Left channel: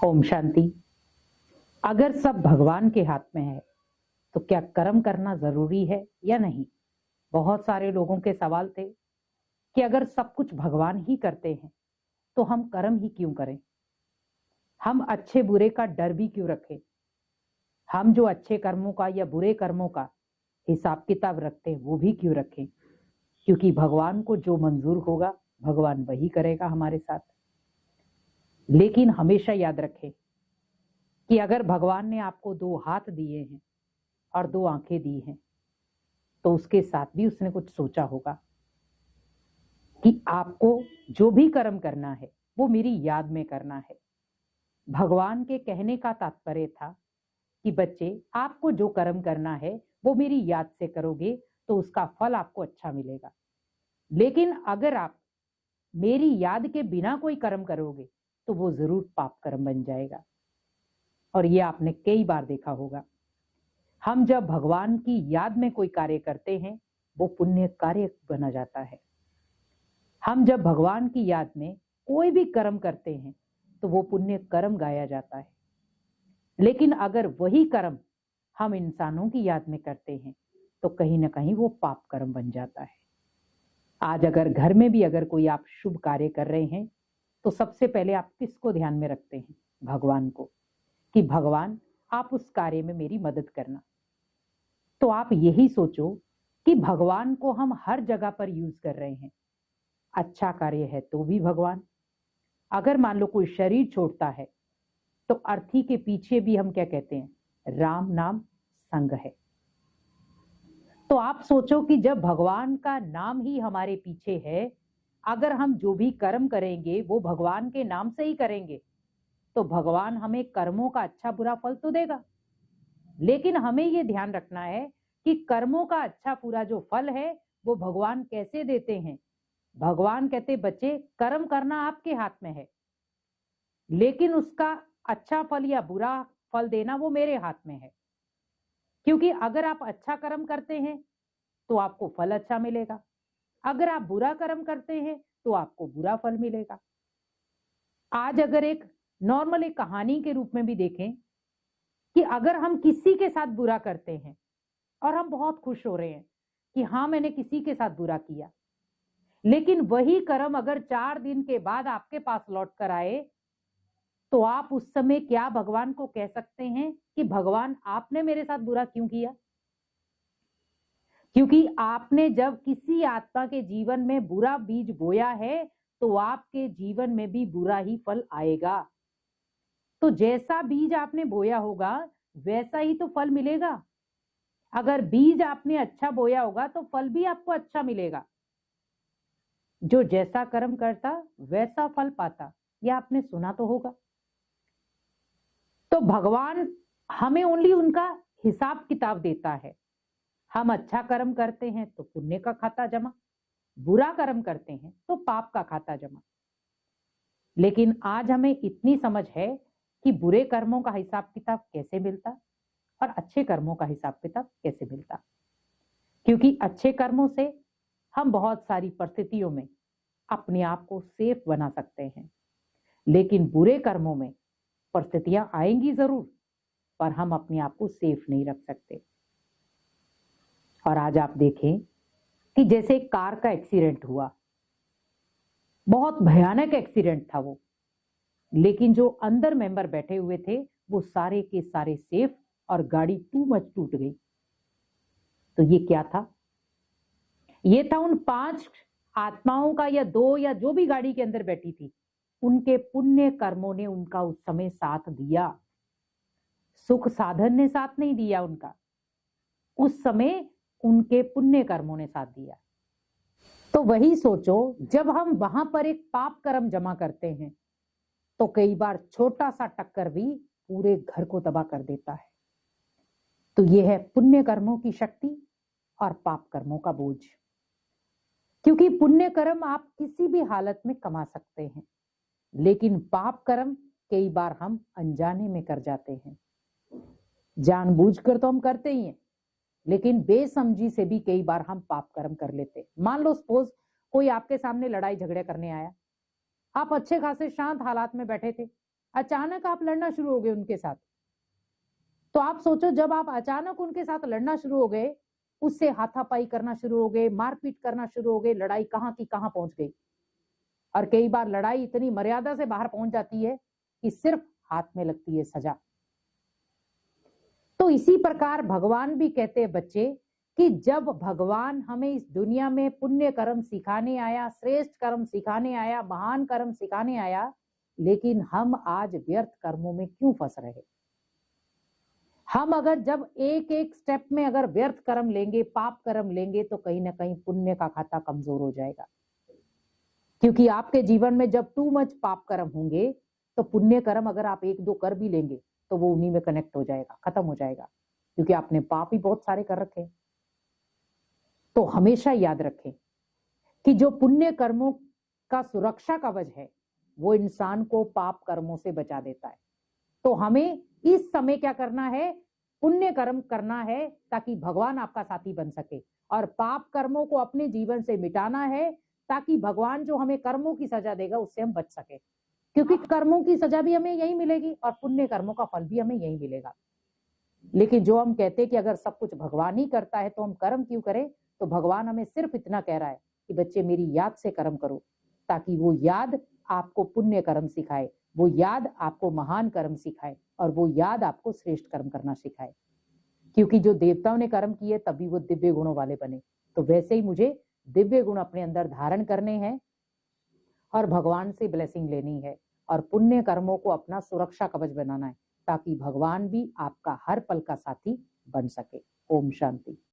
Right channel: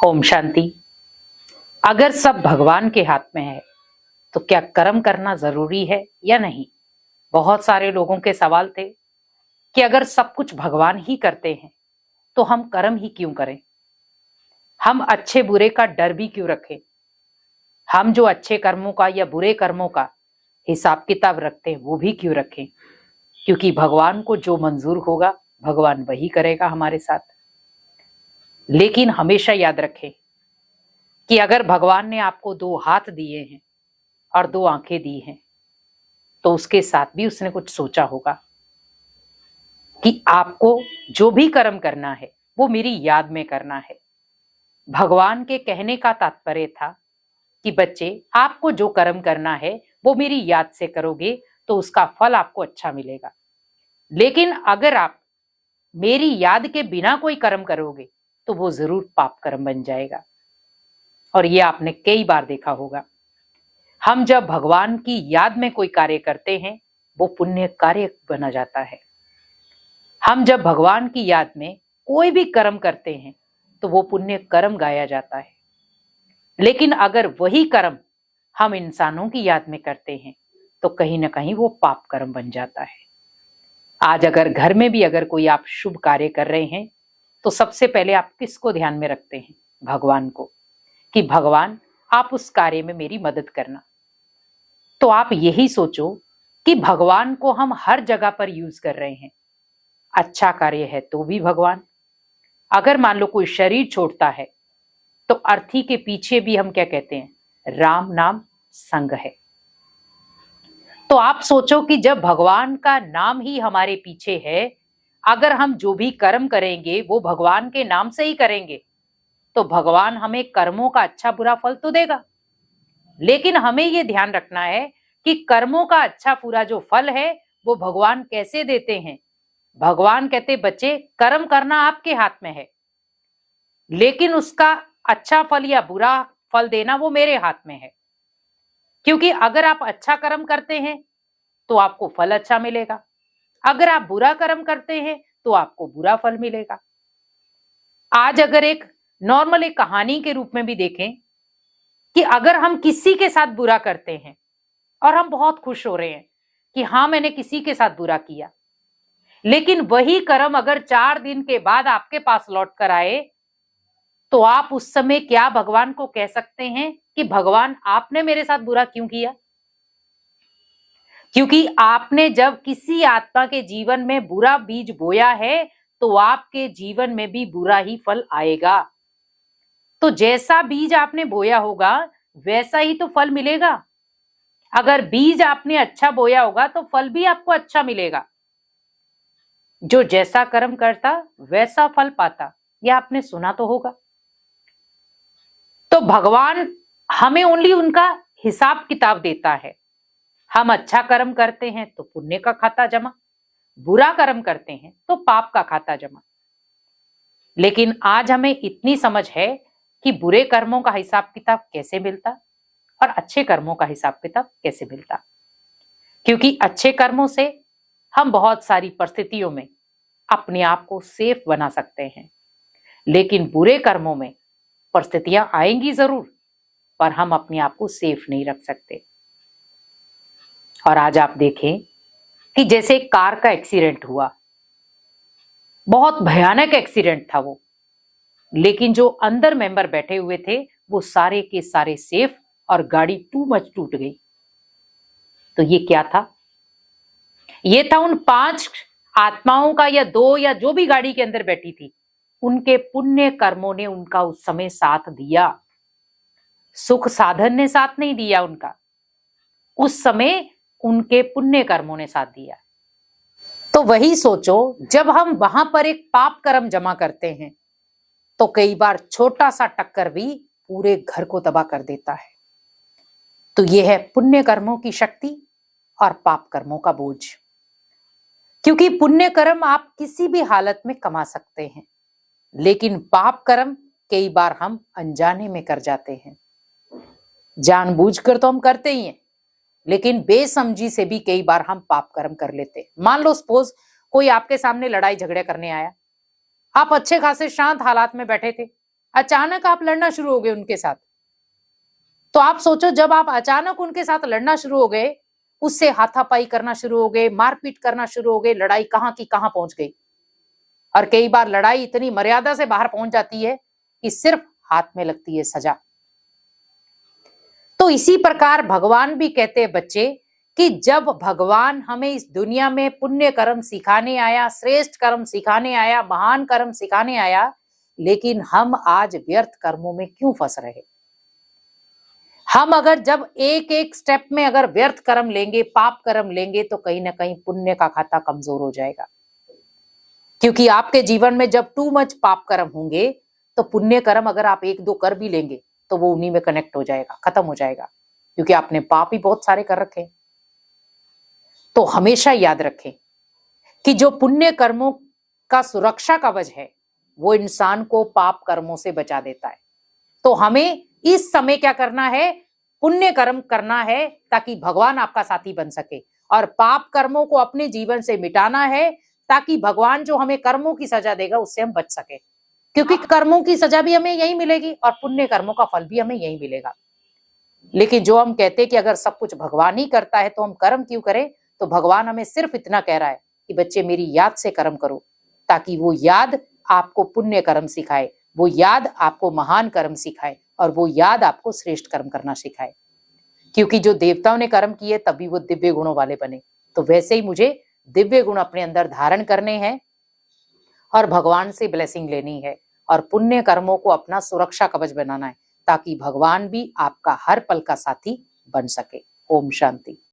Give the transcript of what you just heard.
ओम शांति। अगर सब भगवान के हाथ में है तो क्या कर्म करना जरूरी है या नहीं? बहुत सारे लोगों के सवाल थे कि अगर सब कुछ भगवान ही करते हैं तो हम कर्म ही क्यों करें? हम अच्छे बुरे का डर भी क्यों रखें? हम जो अच्छे कर्मों का या बुरे कर्मों का हिसाब किताब रखते हैं वो भी क्यों रखें? क्योंकि भगवान को जो मंजूर होगा भगवान वही करेगा हमारे साथ। लेकिन हमेशा याद रखें कि अगर भगवान ने आपको 2 हाथ दिए हैं और 2 आंखें दी हैं तो उसके साथ भी उसने कुछ सोचा होगा कि आपको जो भी कर्म करना है वो मेरी याद में करना है। भगवान के कहने का तात्पर्य था कि बच्चे, आपको जो कर्म करना है वो मेरी याद से करोगे तो उसका फल आपको अच्छा मिलेगा। लेकिन अगर आप मेरी याद के बिना कोई कर्म करोगे तो वो जरूर पाप कर्म बन जाएगा। और ये आपने कई बार देखा होगा। हम जब भगवान की याद में कोई कार्य करते हैं वो पुण्य कार्य बना जाता है। हम जब भगवान की याद में कोई भी कर्म करते हैं तो वो पुण्य कर्म गाया जाता है। लेकिन अगर वही कर्म हम इंसानों की याद में करते हैं तो कहीं ना कहीं वो पाप कर्म बन जाता है। आज अगर घर में भी अगर कोई आप शुभ कार्य कर रहे हैं तो सबसे पहले आप किसको ध्यान में रखते हैं? भगवान को, कि भगवान आप उस कार्य में मेरी मदद करना। तो आप यही सोचो कि भगवान को हम हर जगह पर यूज कर रहे हैं। अच्छा कार्य है तो भी भगवान, अगर मान लो कोई शरीर छोड़ता है तो अर्थी के पीछे भी हम क्या कहते हैं? राम नाम संग है। तो आप सोचो कि जब भगवान का नाम ही हमारे पीछे है, अगर हम जो भी कर्म करेंगे वो भगवान के नाम से ही करेंगे तो भगवान हमें कर्मों का अच्छा बुरा फल तो देगा। लेकिन हमें ये ध्यान रखना है कि कर्मों का अच्छा बुरा जो फल है वो भगवान कैसे देते हैं। भगवान कहते, बच्चे कर्म करना आपके हाथ में है, लेकिन उसका अच्छा फल या बुरा फल देना वो मेरे हाथ में है। क्योंकि अगर आप अच्छा कर्म करते हैं तो आपको फल अच्छा मिलेगा, अगर आप बुरा कर्म करते हैं तो आपको बुरा फल मिलेगा। आज अगर एक नॉर्मल एक कहानी के रूप में भी देखें कि अगर हम किसी के साथ बुरा करते हैं और हम बहुत खुश हो रहे हैं कि हाँ मैंने किसी के साथ बुरा किया, लेकिन वही कर्म अगर 4 दिन के बाद आपके पास लौट कर आए तो आप उस समय क्या भगवान को कह सकते हैं कि भगवान आपने मेरे साथ बुरा क्यों किया? क्योंकि आपने जब किसी आत्मा के जीवन में बुरा बीज बोया है तो आपके जीवन में भी बुरा ही फल आएगा। तो जैसा बीज आपने बोया होगा वैसा ही तो फल मिलेगा। अगर बीज आपने अच्छा बोया होगा तो फल भी आपको अच्छा मिलेगा। जो जैसा कर्म करता वैसा फल पाता, यह आपने सुना तो होगा। तो भगवान हमें ओनली उनका हिसाब किताब देता है। हम अच्छा कर्म करते हैं तो पुण्य का खाता जमा, बुरा कर्म करते हैं तो पाप का खाता जमा। लेकिन आज हमें इतनी समझ है कि बुरे कर्मों का हिसाब किताब कैसे मिलता और अच्छे कर्मों का हिसाब किताब कैसे मिलता। क्योंकि अच्छे कर्मों से हम बहुत सारी परिस्थितियों में अपने आप को सेफ बना सकते हैं, लेकिन बुरे कर्मों में परिस्थितियां आएंगी जरूर पर हम अपने आप को सेफ नहीं रख सकते। और आज आप देखें कि जैसे कार का एक्सीडेंट हुआ, बहुत भयानक एक्सीडेंट था वो, लेकिन जो अंदर मेंबर बैठे हुए थे वो सारे के सारे सेफ और गाड़ी टू मच टूट गई। तो ये क्या था? ये था उन 5 आत्माओं का या 2 या जो भी गाड़ी के अंदर बैठी थी, उनके पुण्य कर्मों ने उनका उस समय साथ दिया। सुख साधन ने साथ नहीं दिया उनका, उस समय उनके पुण्य कर्मों ने साथ दिया। तो वही सोचो, जब हम वहां पर एक पाप कर्म जमा करते हैं तो कई बार छोटा सा टक्कर भी पूरे घर को तबाह कर देता है। तो यह है पुण्य कर्मों की शक्ति और पाप कर्मों का बोझ। क्योंकि पुण्य कर्म आप किसी भी हालत में कमा सकते हैं, लेकिन पाप कर्म कई बार हम अनजाने में कर जाते हैं। जानबूझकर तो हम करते ही हैं, लेकिन बेसमझी से भी कई बार हम पाप कर्म कर लेते हैं। मान लो सपोज कोई आपके सामने लड़ाई झगड़े करने आया, आप अच्छे खासे शांत हालात में बैठे थे, अचानक आप लड़ना शुरू हो गए उनके साथ। तो आप सोचो, जब आप अचानक उनके साथ लड़ना शुरू हो गए, उससे हाथापाई करना शुरू हो गए, मारपीट करना शुरू हो गए, लड़ाई कहां की कहां पहुंच गई। और कई बार लड़ाई इतनी मर्यादा से बाहर पहुंच जाती है कि सिर्फ हाथ में लगती है सजा। तो इसी प्रकार भगवान भी कहते हैं बच्चे कि जब भगवान हमें इस दुनिया में पुण्य कर्म सिखाने आया, श्रेष्ठ कर्म सिखाने आया, महान कर्म सिखाने आया, लेकिन हम आज व्यर्थ कर्मों में क्यों फंस रहे। हम अगर जब एक एक स्टेप में अगर व्यर्थ कर्म लेंगे, पाप कर्म लेंगे, तो कहीं ना कहीं पुण्य का खाता कमजोर हो जाएगा। क्योंकि आपके जीवन में जब टू मच पाप कर्म होंगे, तो पुण्य कर्म अगर आप एक दो कर भी लेंगे तो वो उन्हीं में कनेक्ट हो जाएगा, खत्म हो जाएगा, क्योंकि आपने पाप ही बहुत सारे कर रखे। तो हमेशा याद रखें कि जो पुण्य कर्मों का सुरक्षा कवच है वो इंसान को पाप कर्मों से बचा देता है। तो हमें इस समय क्या करना है, पुण्य कर्म करना है ताकि भगवान आपका साथी बन सके, और पाप कर्मों को अपने जीवन से मिटाना है ताकि भगवान जो हमें कर्मों की सजा देगा उससे हम बच सके। क्योंकि कर्मों की सजा भी हमें यही मिलेगी और पुण्य कर्मों का फल भी हमें यही मिलेगा। लेकिन जो हम कहते हैं कि अगर सब कुछ भगवान ही करता है तो हम कर्म क्यों करें, तो भगवान हमें सिर्फ इतना कह रहा है कि बच्चे मेरी याद से कर्म करो, ताकि वो याद आपको पुण्य कर्म सिखाए, वो याद आपको महान कर्म सिखाए, और वो याद आपको श्रेष्ठ कर्म करना सिखाए। क्योंकि जो देवताओं ने कर्म किए तभी वो दिव्य गुणों वाले बने। तो वैसे ही मुझे दिव्य गुण अपने अंदर धारण करने हैं और भगवान से ब्लेसिंग लेनी है, और पुण्य कर्मों को अपना सुरक्षा कवच बनाना है, ताकि भगवान भी आपका हर पल का साथी बन सके। ओम शांति।